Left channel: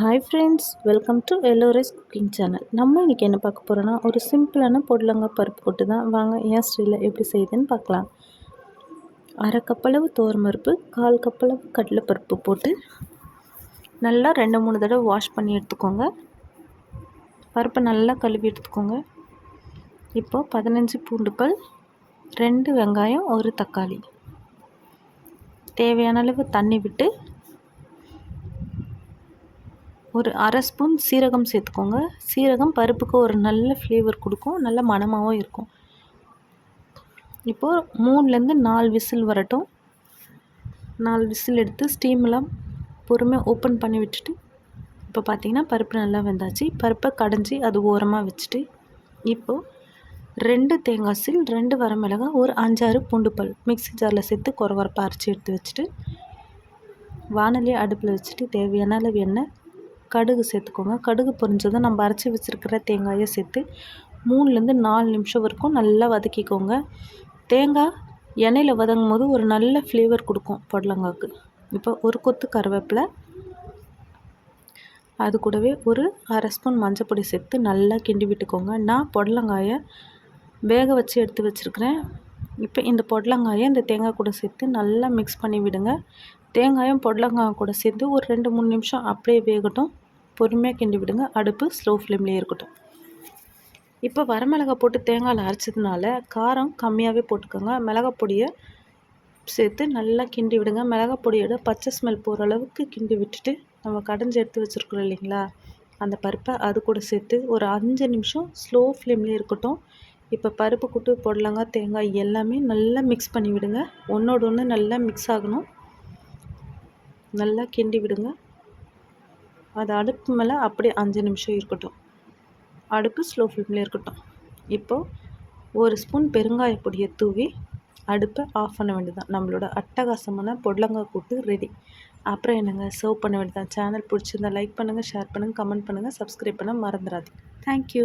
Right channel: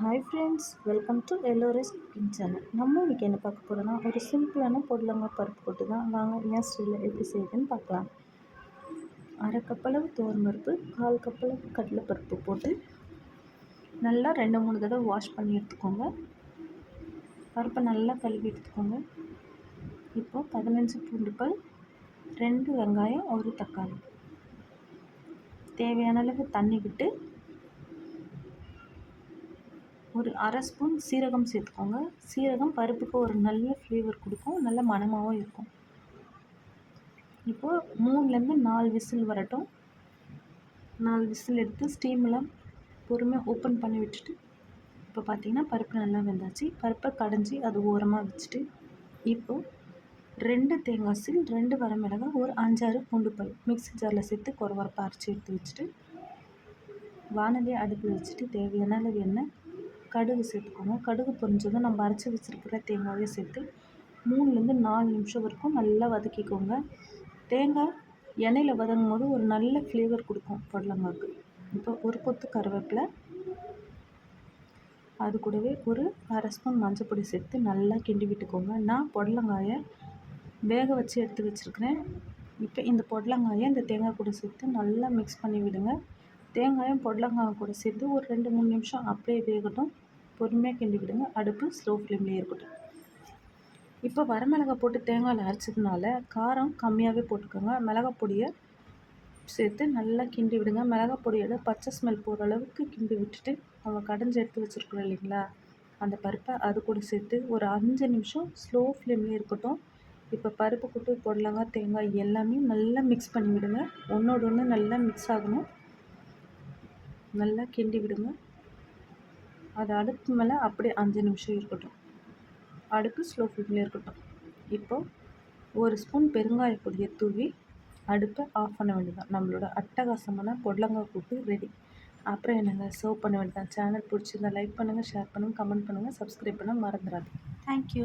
Hi friends, welcome to எல்லோரைஸ் cooking channel. நம்ம இன்றைக்கி என்ன பார்க்க போகிறோன்னா, ஒரு சிம்பிளான பொடலங்காய் பருப்பு போட்டு தான் வாங்க என் ஸ்டைலில் எப்படி செய்யுதுன்னு பார்க்கலாம். அரை கப்பளவு துவரம்பருப்பு, 1/4 கப்பளவு கடலைப்பருப்பு போட்டு நல்லா 2-3 தடவை வாஷ் பண்ணி எடுத்துக்கோங்க. பருப்பை நல்லா கழுவி எடுத்துக்கோங்க. இப்போது 15 பூண்டு பல், 2 வெங்காயம், 1 தக்காளி, தேவையான அளவு தண்ணி விட்டு ஒரு அரை ஸ்பூன் சீரகம் சேர்த்துக்கோங்க. சீரகம் பருப்புக்கு ஒரு நல்ல ஃப்ளேவர் கொடுக்கும், நல்ல மணமாகவும் இருக்கும். இப்போது 3லேருந்து 4 விசில் வரட்டும். 4 விசில் எடுத்து ஸ்டீம்லாம் பொறுமையாக ஓப்பன் பண்ணி விட்டுட்டு, இப்போ பார்த்திங்கன்னா பருப்பு நல்லா வெந்தாச்சு. பருப்பை கடைஞ்சி அது ஓரமாக வச்சுட்டு, இப்போது 2 தேங்காய் சீல், 2 வரமிளகாய், ஒரு 5-6 பூண்டு பல் மிக்ஸி ஜாரில் சேர்த்து கொரகொரப்பாக அரைச்சி எடுத்து வச்சுட்டு, வானலியை அடுப்பில் வச்சுட்டு தேவையான அளவு எண்ணெய், கடுகு சேர்த்துக்கோங்க. கடுகு பொரிஞ்சதும் நம்ம அரைச்சி வச்சுருக்கிற தேங்காயை சேர்த்து 3லேருந்து 4 நிமிஷம் வரைக்கும் நல்லா வதக்கிக்கோங்க. தேங்காய் எண்ணெயில் வதங்கும் போது ஒரு நல்ல ஃப்ளேவர் கொடுக்கும் பொடலங்காய்க்கு. இப்போ ஒரு கொத்து கருவேப்பிலை, அது கூடவே ஒரு அரை ஸ்பூன் மஞ்சள் பொடி சேர்த்து நல்லா கிண்டி விட்டுக்கோங்க. நான் பொடலங்காயை வேக வச்சு எடுத்து வச்சுருக்கிறேன். இப்போ இந்த பொடலங்காயை இந்த தேங்காய் கூட சேர்த்து நல்லா மிக்ஸ் பண்ணி விடுங்க. தேங்காயும் பொடலங்காய் கூட சேர்த்து ஒரு 2-3 நிமிஷம் அப்படியே வேகட்டும். பொறுமையாக கிண்டி விடுங்க. அடுப்பு ஸ்லோ ஃப்ளேம்லேயே இருக்கட்டும். இப்போ வரமிளகாய் போட்டு தேங்காயில் அரைச்சதுனால காரம் கம்மியாகவே போட்டுக்கோங்க. மிளகாய் பொடியை சேர்த்து நல்லா கிண்டி விடுங்க. மிளகாய் பொடியோட பச்சை ஸ்மெல் போகிற அளவுக்கு கிண்டி விட்டுட்டு, நம்ம கடைஞ்சி எடுத்து வச்சுருக்குறோம் இல்லைங்களா, அந்த பருப்பை அது கூட சேர்த்து ஒரு 5 நிமிஷம் ஸ்லோ ஃப்ளேம்லேயே இருக்கட்டும். இப்போ பருப்பு கூட்டு பொடலங்காய் தேங்காய் எல்லாமே நல்லா மிக்ஸ் பண்ணி விடுங்க. ஒன்றோடு ஒன்று நல்லா மிக்ஸ் ஆகணும். நல்லா கிண்டி விடுங்க. அது அடுப்பு மேலே அப்படியே 5 நிமிஷம் இருக்கட்டும். அடுப்பு ஸ்லோ ஃப்ளேம்லேயே இருக்கட்டும். இப்போது ஒரு ஸ்பூன் பெருங்காய பொடியை தூவி அடுப்பை ஆஃப் பண்ண வேண்டியதான். நம்மளோட அட்டகாசமான பொடலங்காய் கூட்டு ரெடி. அப்புறம் என்னங்க, சர்வ் பண்ண வேண்டியதான். சேனல் பிடிச்சிருந்தா லைக் பண்ணுங்கள், ஷேர் பண்ணுங்கள், கமெண்ட் பண்ணுங்கள், சப்ஸ்கிரைப் பண்ண மறந்துடாதீங்க. தேங்க்யூ.